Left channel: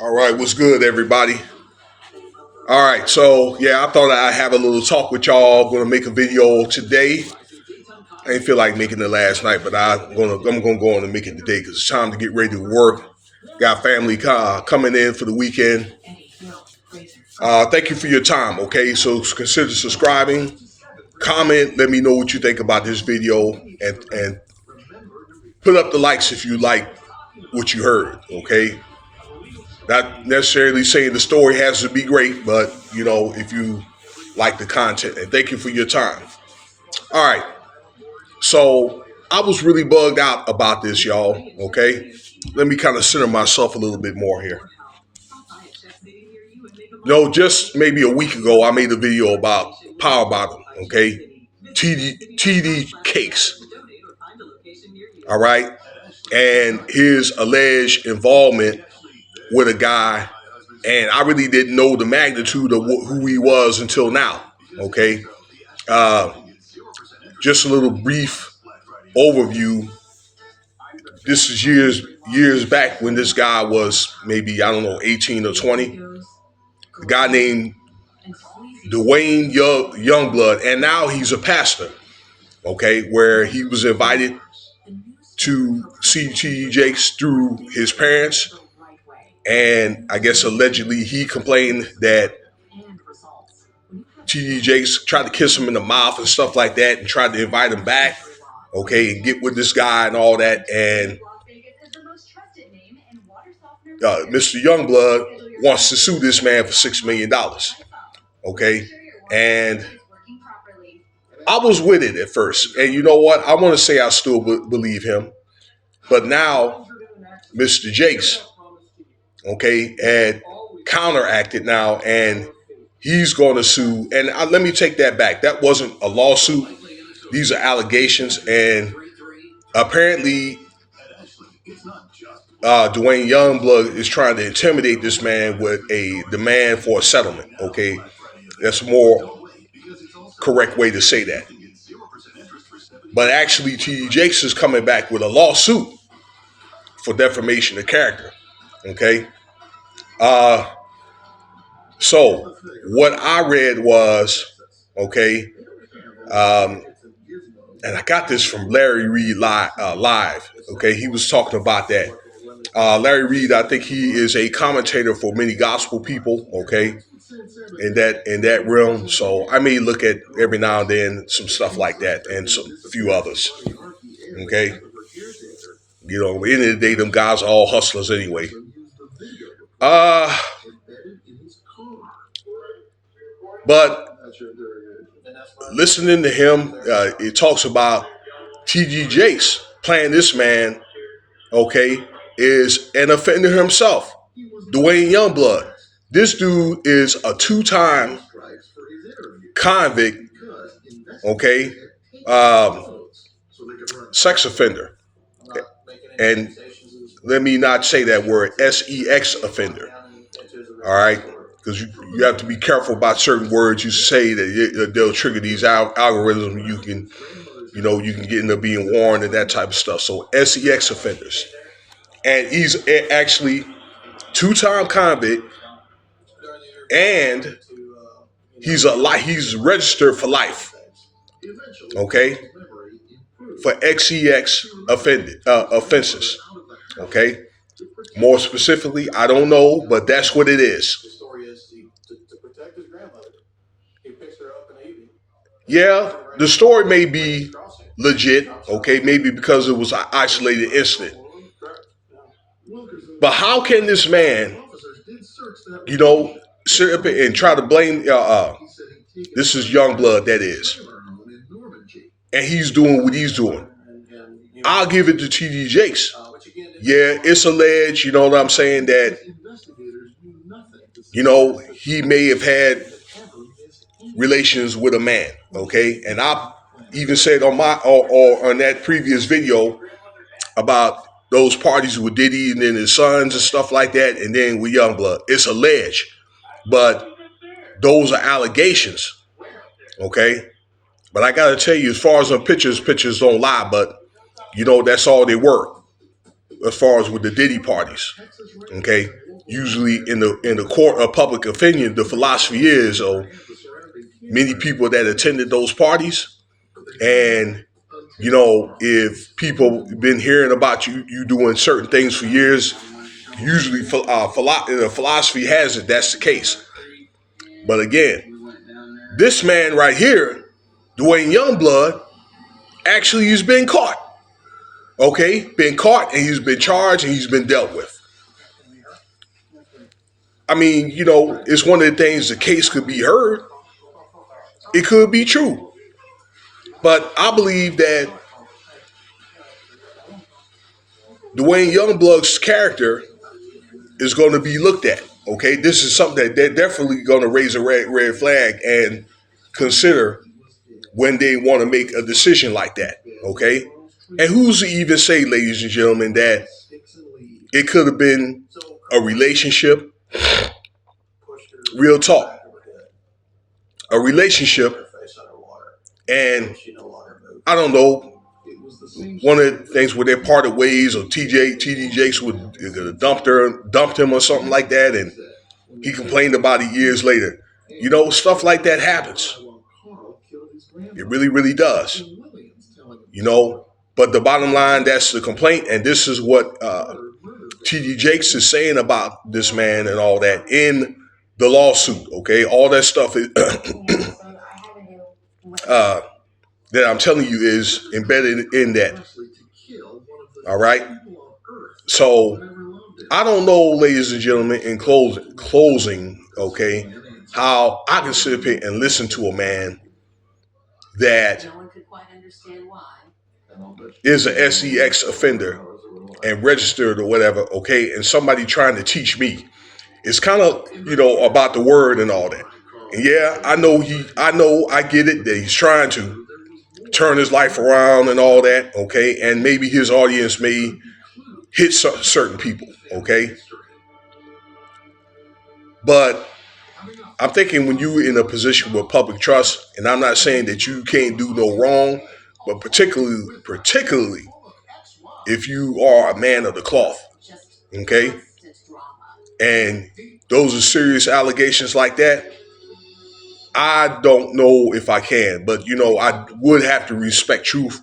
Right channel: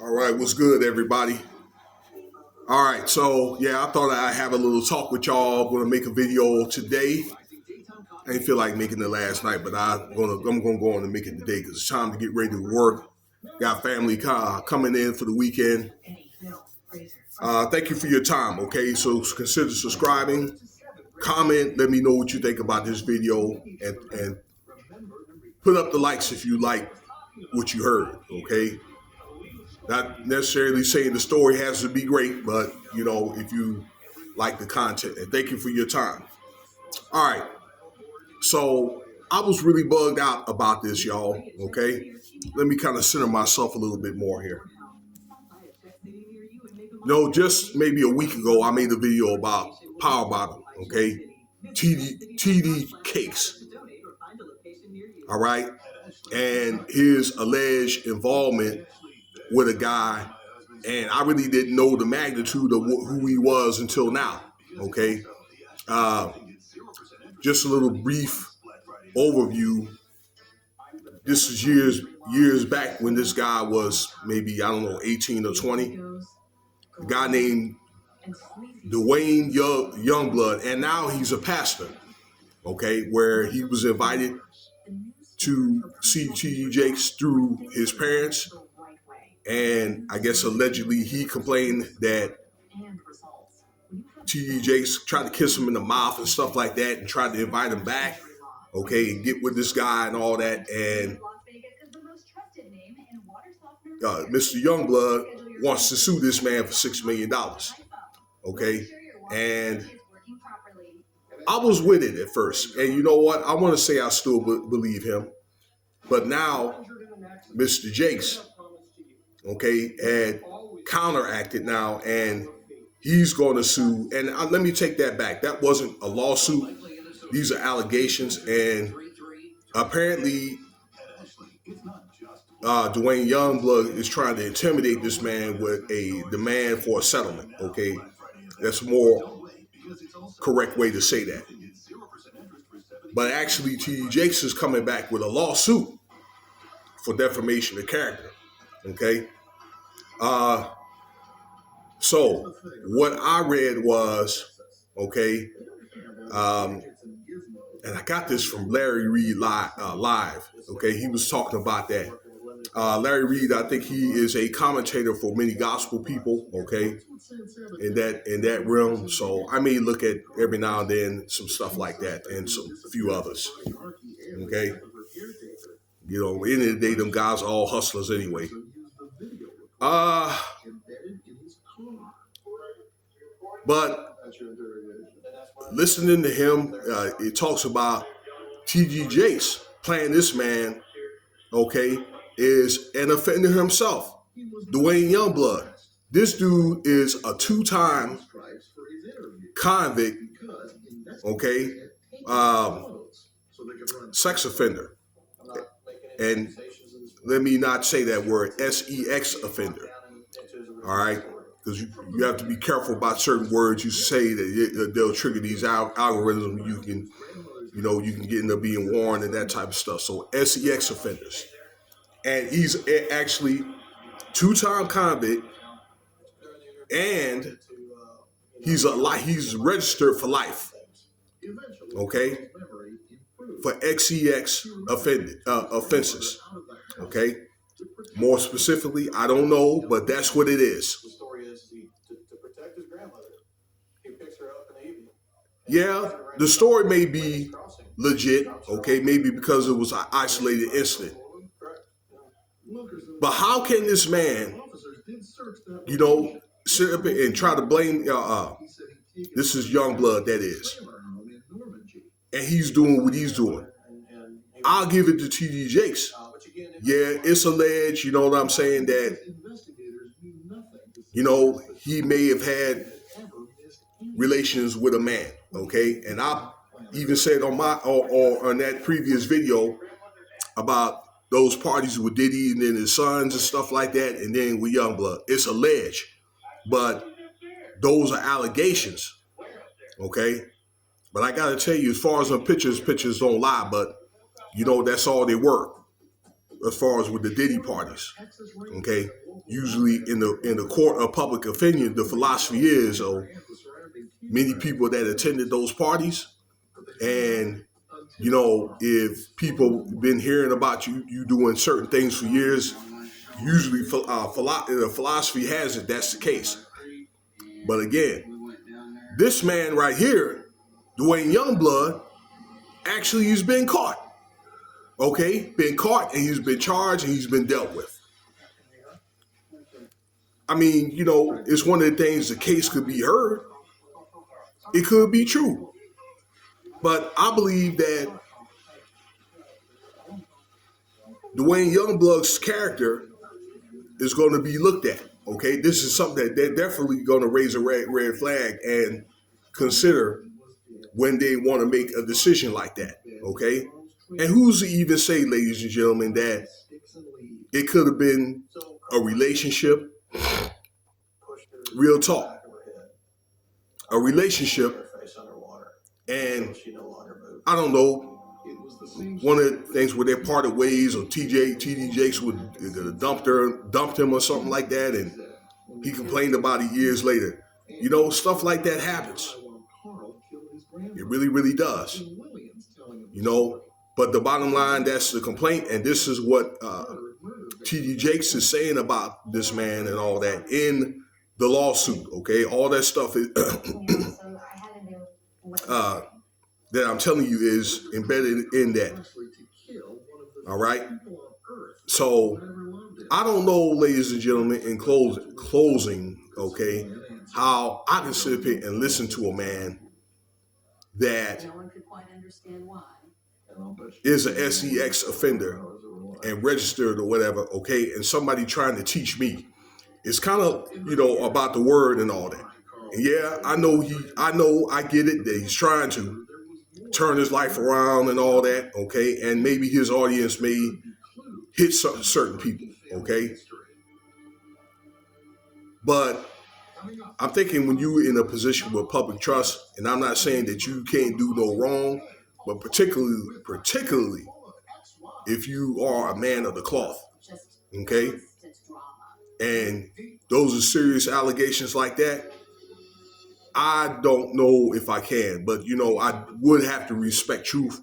All right, what's good, everybody? All right, so yeah, I thought I'd have a little talk with y'all. Going to make a video today. I didn't feel like making it last night, but I'm gonna go on and make it today because it's time to get ready to work. Got family coming in for the weekend. Thank you for your time. Okay, so consider subscribing, comment, let me know what you think about this video, and put up the likes if you like what you heard. Okay. Not necessarily saying the story has to be great, but if you like the content, and thank you for your time. All right. So I was really bugged out about this, y'all. Okay. Let me kind of center myself a little bit more here. Just maybe a week ago, I made a video about Power Bottom. Okay. TD Cakes. All right. And his alleged involvement with a guy, and I really didn't know the magnitude of who he was until now. Okay, just a little brief overview. This is years back when this guy was maybe 18 or 20. A guy named Duane Youngblood, and now he's a pastor. Okay, where he was invited to see T.D. Jakes through his parents. And I guess allegedly he complained that T.D. Jakes tried to kiss him in the mouth and stuff like that and tried to invite him back, okay, and get with this guy and all that. And Mr. Youngblood wants to sue this man for $6 million, okay? And I was with it at first. And you know what? I want to say I still believe him. But now Mr. Jakes, okay, had counteracted now, and he's going to sue. And let me take that back. That wasn't a lawsuit. These are allegations. And apparently, Duane Youngblood is trying to intimidate this man with a demand for a settlement. Okay, that's a more correct way to say that. But actually, T.D. Jakes is coming back with a lawsuit for defamation of character. Okay. So what I read was, okay, and I got this from Larry Reed live. Okay, he was talking about that. Larry Reed, I think he is a commentator for many gospel people. Okay, in that realm. So I may look at every now and then some stuff like that and some few others. Okay, at the end of the day, them guys are all hustlers anyway. But listening to him, it talks about T.D. Jakes playing this man, okay, is an offender himself. Duane Youngblood. This dude is a two-time convict, okay, sex offender. And let me not say that word, sex offender. All right. Because you have to be careful about certain words you say that they'll trigger these algorithms. You can get into being warned and that type of stuff. So sex offenders, and he's actually two-time convict, and he's registered for life. Okay, for sex offenses. Okay, more specifically, I don't know, but that's what it is. Yeah, the story may be legit, okay, maybe because it was an isolated incident. But how can this man, sit up and try to blame, this is Youngblood, that is, and he's doing what he's doing. I'll give it to T.D. Jakes. Yeah, it's alleged, you know what I'm saying, that, he may have had relations with a man, okay? And I even said on on that previous video about those parties with Diddy and then his sons and stuff like that, and then with Youngblood. It's alleged, but those are allegations, okay? But I gotta tell you, as far as on pictures don't lie, but that's all they were. as far as with the Diddy parties. Okay, usually in the court of public opinion, the philosophy is, many people that attended those parties, and if people been hearing about you doing certain things for years, usually the philosophy has it that's the case. But again, this man right here, Duane Youngblood, actually has been caught. Okay, been caught, and he's been charged, and he's been dealt with. I mean, it's one of the things, the case could be heard. It could be true. But I believe that Duane Youngblood's character is going to be looked at. Okay, this is something that they're definitely going to raise a red flag and consider when they want to make a decision like that. Okay, and who's to even say, ladies and gentlemen, that it could have been a relationship? Real talk, a relationship, and I don't know. One of the things where they parted ways, or TD Jakes would dumped him or something like that, and he complained about it years later. Stuff like that happens. It really, really does. But the bottom line, that's the complaint, and this is what TD Jakes is saying about this man and all that in the lawsuit. Okay, all that stuff is that I'm telling you is embedded in that. All right. So I don't know, ladies and gentlemen, in closing, okay, how I can sit here and listen to a man that is an SEX offender and registered or whatever, okay, and somebody trying to teach me. It's kind of, about the word and all that. And yeah, I get it that he's trying to turn his life around and all that, okay? And maybe his audience may hit certain people, okay? But I'm thinking when you're in a position with public trust, and I'm not saying that you can't do no wrong, but particularly if you are a man of the cloth, okay? And those are serious allegations like that. I don't know if I can, but I would have to respect truth.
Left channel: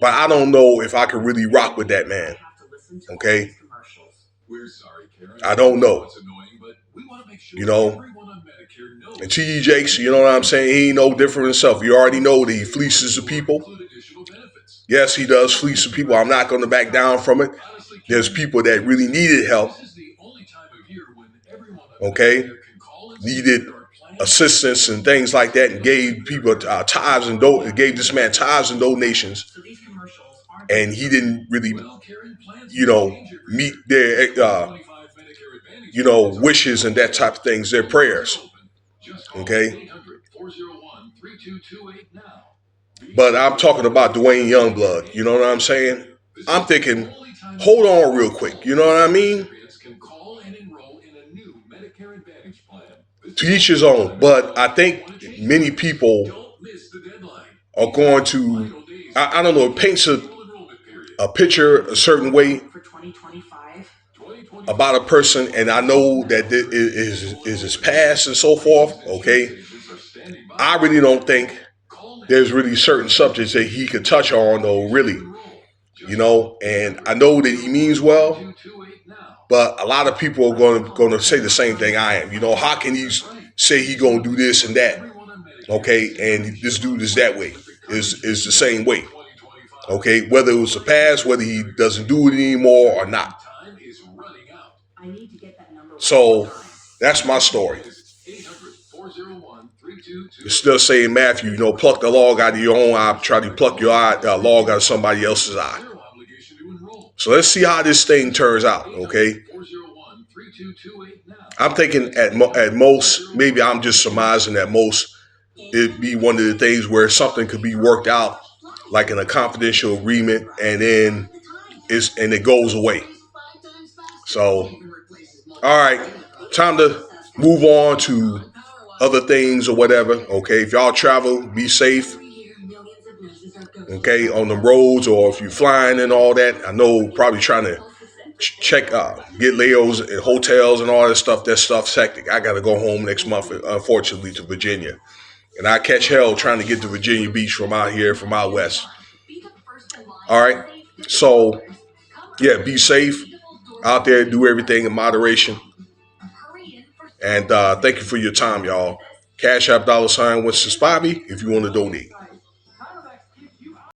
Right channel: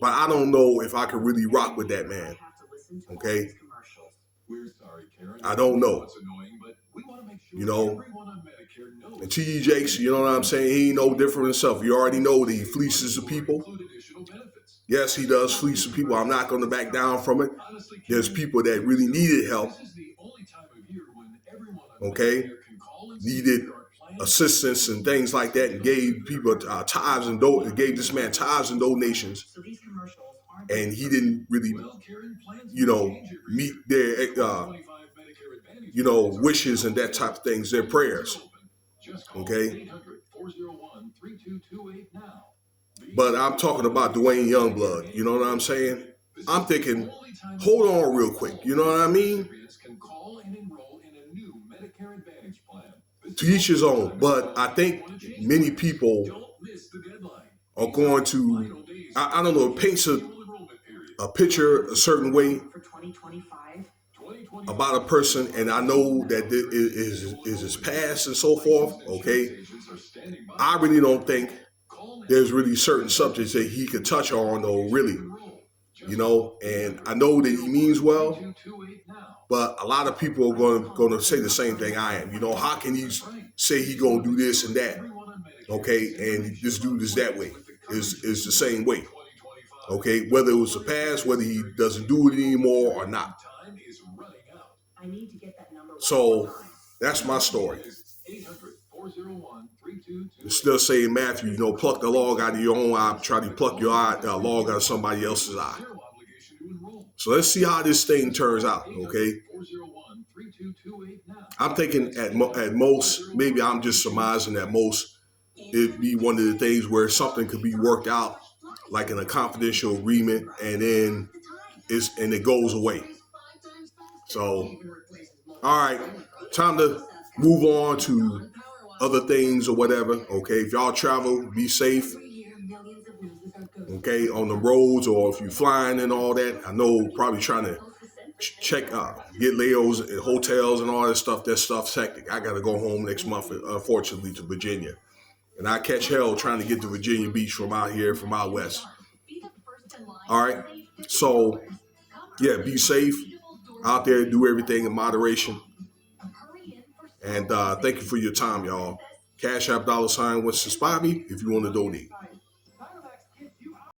But I don't know if I could really rock with that man. Okay? I don't know. And T.D. Jakes, you know what I'm saying? He ain't no different himself. You already know that he fleeces the people. Yes, he does fleece the people. I'm not going to back down from it. There's people that really needed help. Okay? Needed assistance and things like that, and gave people tithes and gave this man tithes and donations, and he didn't really, meet their, wishes and that type of things, their prayers. Okay, but I'm talking about Duane Youngblood. You know what I'm saying? I'm thinking, hold on real quick. You know what I mean? To each his own, but I think many people are going to, I don't know, it paints a picture a certain way about a person, and I know that it is his past and so forth, okay? I really don't think there's really certain subjects that he could touch on, though, really, and I know that he means well, but a lot of people are going to say the same thing I am. How can he say he going to do this and that? Okay, and this dude is that way, is the same way. Okay, whether it was the past, whether he doesn't do it anymore or not. So that's my story. It's still saying, Matthew, pluck the log out of your own eye, try to pluck your log out of somebody else's eye. So let's see how this thing turns out, okay? I'm thinking at most, maybe I'm just surmising at most, it'd be one of the things where something could be worked out, like in a confidential agreement, and then it goes away. So, all right, time to move on to other things or whatever, okay? If y'all travel, be safe, okay, on the roads, or if you're flying and all that. I know probably trying to check get layovers in hotels and all that stuff. That stuff's hectic. I got to go home next month, unfortunately, to Virginia, and I catch hell trying to get to Virginia Beach from out here, from out west. All right, so yeah, be safe out there. Do everything in moderation, and thank you for your time, y'all. Cash App $Winston Spivey if you want to donate.